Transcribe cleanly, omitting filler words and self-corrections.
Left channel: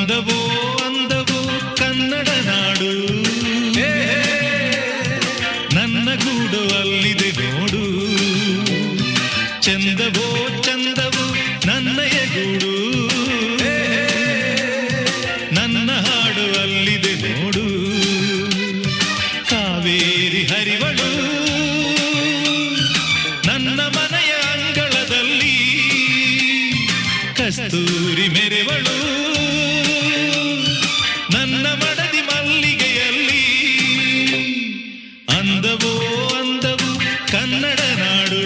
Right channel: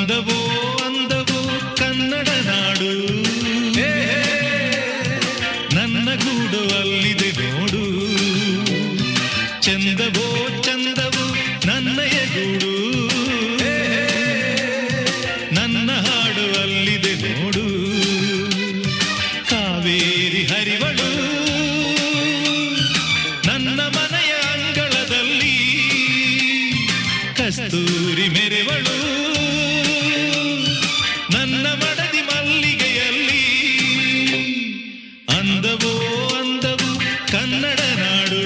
ಅಂದವೋ ಅಂದವೋ ಕನ್ನಡ ನಾಡು, ನನ್ನ ಗೂಡು ಅಲ್ಲಿದೆ ನೋಡು. ಚಂದವೋ ಚಂದವೋ ನನ್ನಯ ಗೂಡು, ನನ್ನ ಹಾಡು ಅಲ್ಲಿದೆ ನೋಡು. ಕಾವೇರಿ ಹರಿವಳು ನನ್ನ ಮನೆಯ ಅಂಗಳದಲ್ಲಿ, ಕಸ್ತೂರಿ ಮೆರೆವಳು ನನ್ನ ಮಡದಿ ಮಲ್ಲಿಗೆಯಲ್ಲಿ. ಅಂದವೋ ಅಂದವು ಕನ್ನಡ ನಾಡು.